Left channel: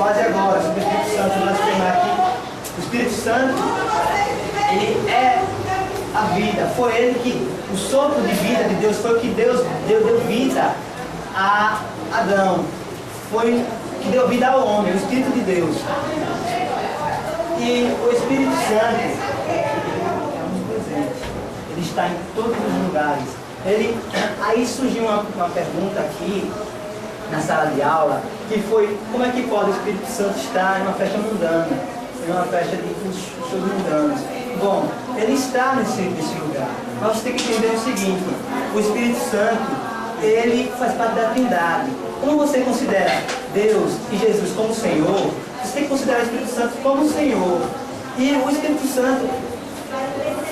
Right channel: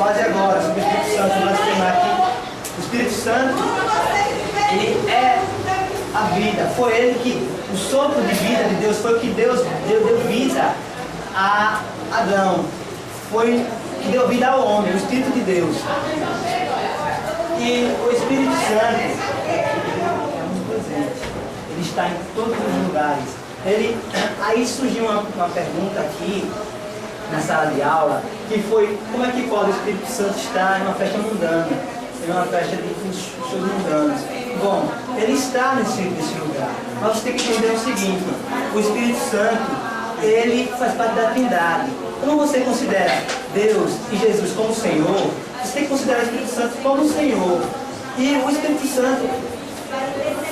quase agora, sobre o Espírito Santo, nós temos aqui. O Espírito Santo, ele é a vida. Foi ele que, o sopro de vida de Deus, foi o que Deus deu vida a Adão. Foi o que deu vida ao homem, o Espírito de Deus. E o Espírito Santo é onipresente. Ele está em todos os lugares. Aí surgiu uma pergunta aqui, na sala de aula, que foi: como é que pode o Espírito Santo estar em uma festa mundana, em uma festa de shows mundanos? Bom, ele está nesse lugar. Mas você tem que entender o seguinte: o Espírito Santo, ele faz parte da Trindade. Como você considera Deus e Jesus como Senhor, você tem que considerar o Espírito Santo como Senhor. E o Espírito Santo,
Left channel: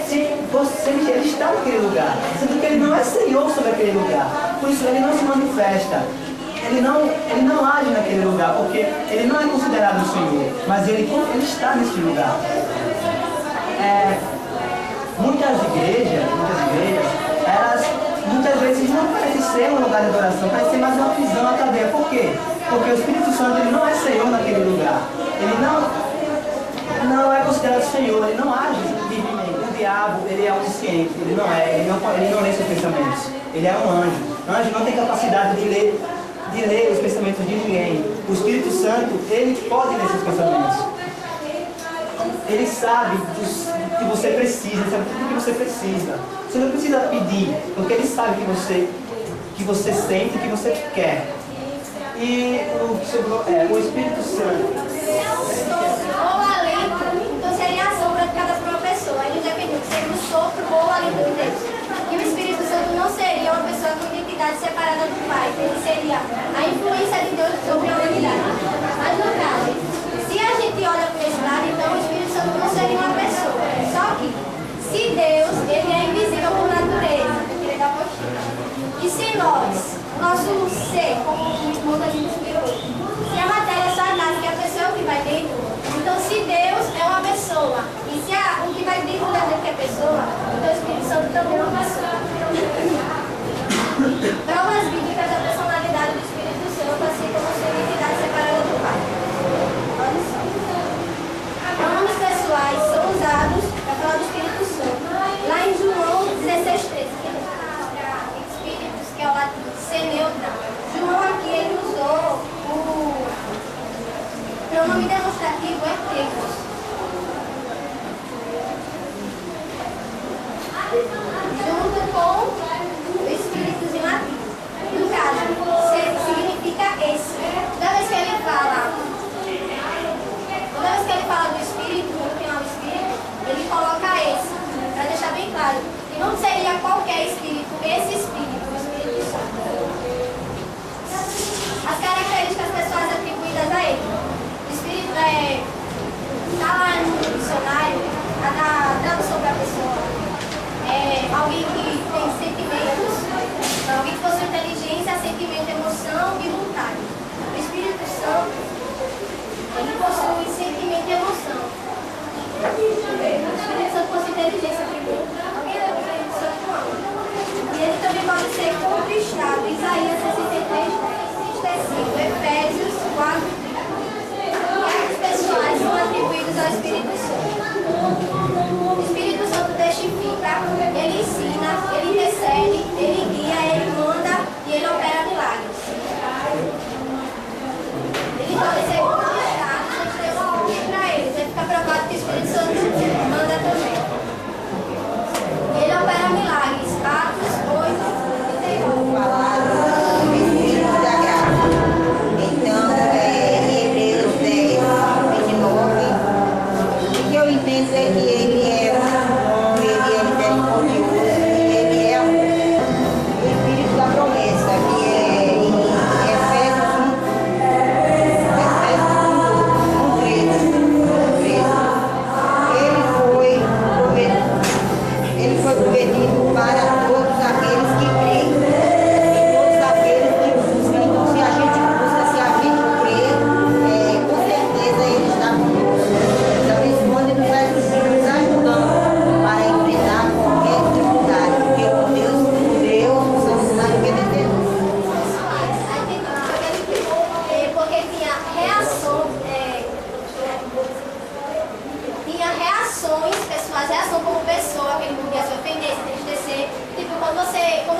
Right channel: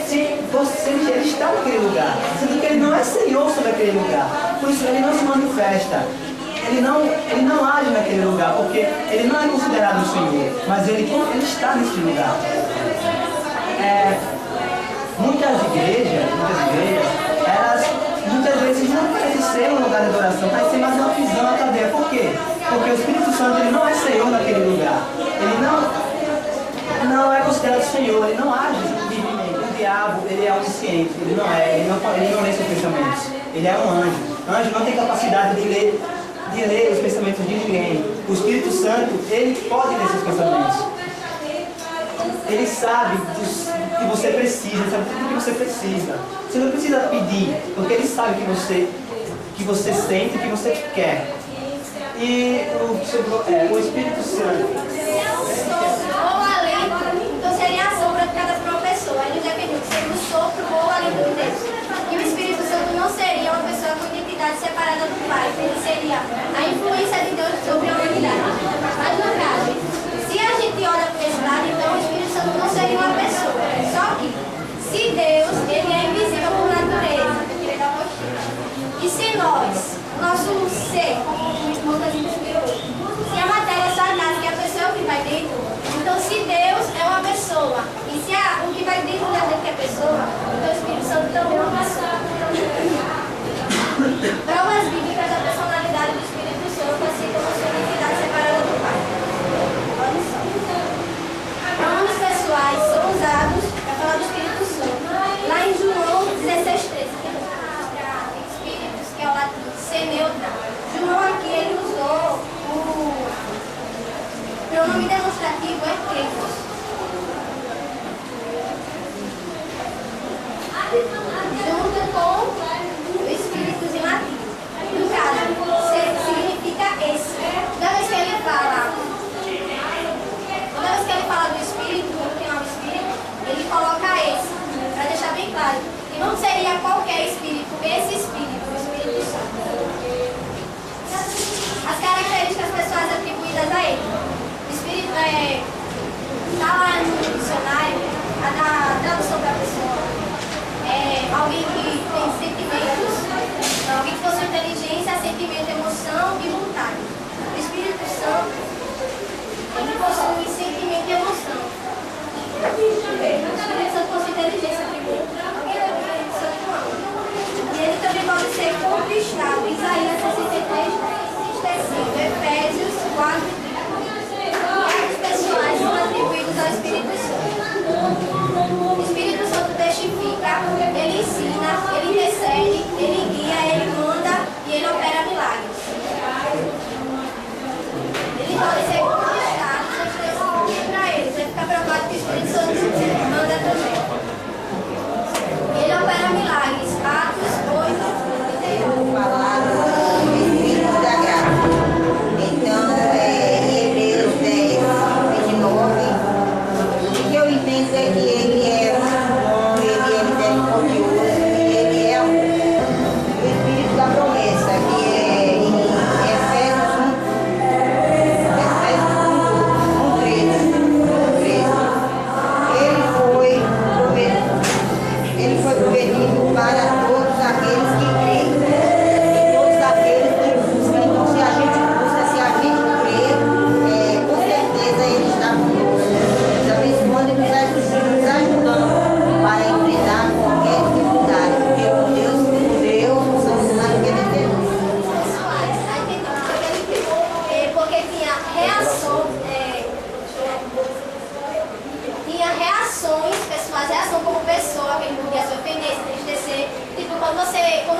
ele está naquele lugar, sendo que ele não é Senhor sobre aquele lugar. Por isso ele não se manifesta. Ele não age naquele lugar, porque ele não é considerado o Senhor, mas ele está nesse lugar. Muitas igrejas, elas muitas vezes não parecem ser um lugar de adoração, parece ser mais uma prisão, uma cadeia. Por quê? Porque o Espírito Santo, ele não é Senhor naquele lugar. Ele não é considerado Senhor, ele não age divinamente. O diabo, ele é onisciente, ele não lê seus pensamentos. Ele é um anjo. O anjo não tem capacidade de ler os pensamentos de ninguém. O Espírito Santo, ele pode ler seus pensamentos. Ele sabe do que você precisa, ele sabe tudo o que você precisa. Você não precisa pedir, porque ele sabe que você sente e que você quer. E o Espírito Santo. Ou alento, então seria a sombra de cada pessoa. Ele depende de ser o sopro ou alento de Deus. E o Espírito Santo não seria uma pessoa com identidade separada do Pai. Ele seria a influência de Deus sobre a humanidade. Mas no caso, se a gente olha para esse lado, então o Espírito Santo não seria uma pessoa. Só que, se Deus, ele é invisível por natureza, e se nós, nosso ser, como o irmão da gente explicou, se a matéria é só a casa, que a pessoa é o que vai dentro, então se Deus é uma pessoa, e se o que vai dentro da gente é pessoa, então o Espírito Santo também é uma pessoa. Provas bíblicas da personalidade do Espírito Santo, assim como sua identidade separada do Pai. Olha só. Nomes pessoais são usados para falar do Espírito Santo. Lá em João 16:13, que é Espíritos, que é o latim, seneutra. João aqui, ele usou o pronome demonstrativo equívocos. Junto com o Espíritos em latim. No caso, significa esse. Toda vez que ele fala do Espírito, que é o Espírito, ele coloca esse, para deixar bem claro. E não seria qualquer Espírito, esse Espírito, o Espírito Santo. As características pessoais atribuídas a ele. O Espírito está lá no dicionário, a tradução da pessoa. Alguém que tem sentimento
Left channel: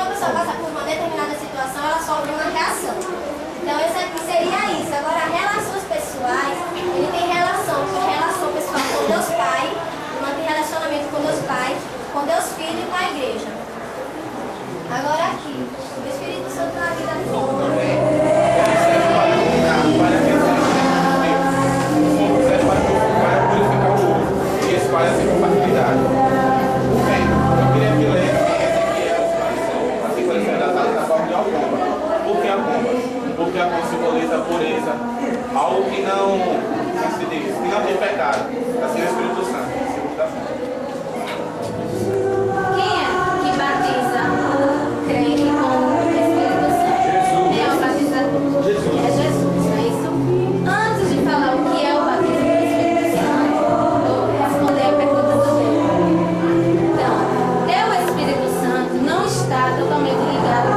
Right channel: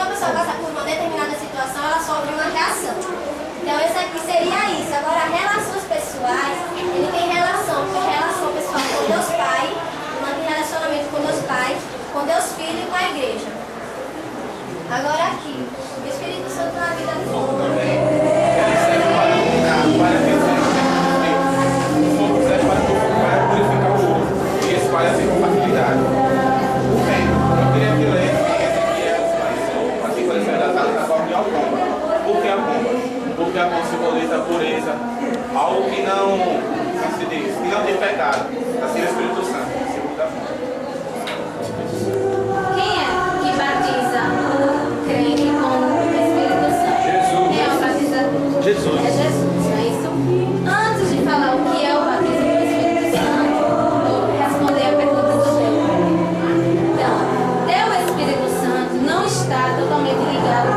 uma pessoa passa por uma determinada situação, ela sofre uma reação. Então, esse aqui seria isso. Agora, relações pessoais, ele tem relação pessoal com Deus Pai, mantém relacionamento com Deus Pai, com Deus Filho e com a igreja. Agora aqui, o Espírito Santo na vida do homem. Espalha sem compatibilidade. Bem, eu queria que lesse assim, por exemplo, da forma de alcomba. Por que alcomba? Porque a cor simboliza a pureza, algo que não, como se diz, que não tem pecado, assim é o Espírito Santo, segundo da fonte. Quem é que batiza o crente com o Espírito Santo? Jesus. Quem é o batizador? Jesus. É Jesus, não é isso? Antes de falar o que é o batismo do Espírito Santo, responder a pergunta do Leo. Então, o Espírito Santo não está totalmente ligado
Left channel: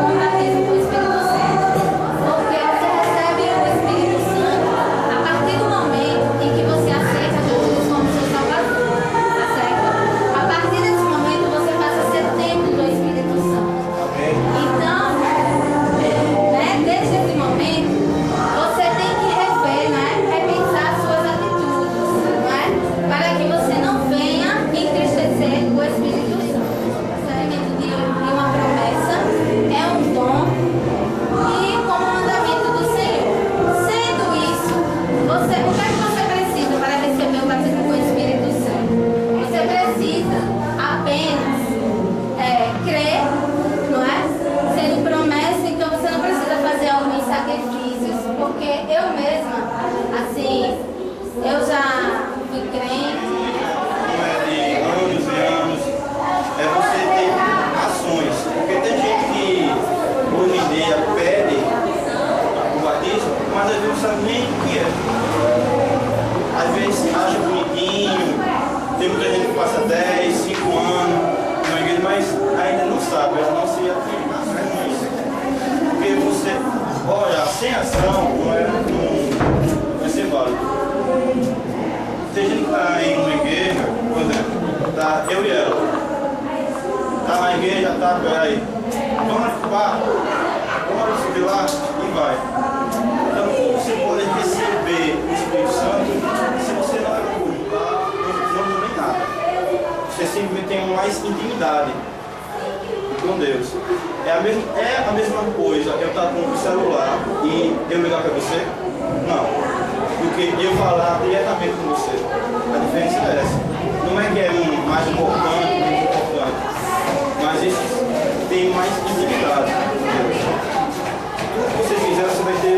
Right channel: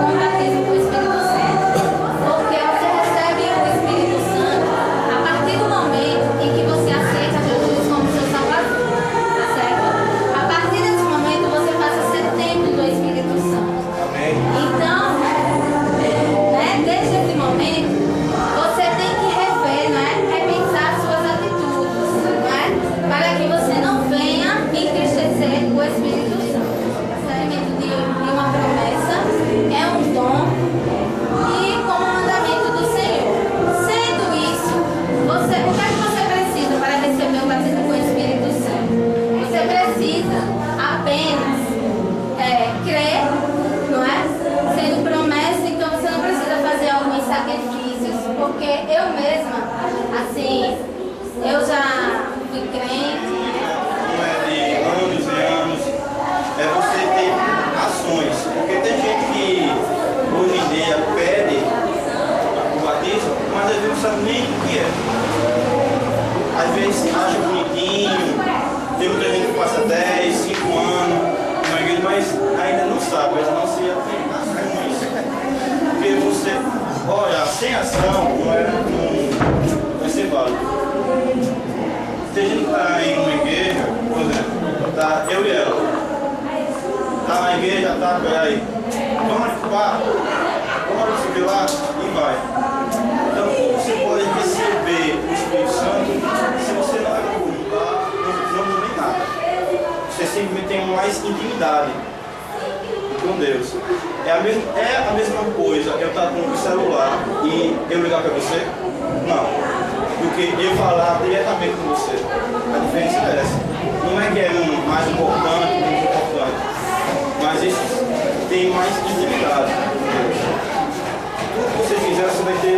com o batismo do Espírito Santo. Porque você recebe o Espírito Santo a partir do momento em que você aceita Jesus como seu Salvador. Tá certo? A partir desse momento você passa a ser templo do Espírito Santo. Amém. Então, desde esse momento, você tem que rever, repensar suas atitudes, para que você não venha entristecer o Espírito Santo. O recebimento de uma promessa é um dom e como mandamento do Senhor. Sendo isso, o que é que você precisa para receber o batismo com o Espírito Santo? Você precisa apenas crer, não é? Sendo promessa, então você não precisa fazer alguns sacrifícios, porque eu mesma, assim, eu já fui crente. Não é de anos e anos, é você ter ações. Porque tem gente que hoje em dia pede o batismo, mas às vezes não sabe nem o que é. Às vezes acha bonitinho, tem muita gente que passa 10, 5 anos na igreja, mas ainda não sabe, ainda não se atende com isso. Porque você, olha, sem ação não vai ser válido. Tem gente que está em uma igreja, por exemplo, tá eu e ela, tá na igreja, tá, peraí, vamos ocupar, vamos subir lá e vai. Então, como você pode receber o Espírito Santo se você não é ocupar, não tem nada? Você simplesmente tem mais intimidade com Deus. É a mesma coisa eu estar com o celular e eu ligar para você? Não. Do que eu falar diretamente com você. A diferença é essa. Não é que é um mais importante, menos importante, mas isso tem mais intimidade com Deus. Tudo que você fizer, você vai ter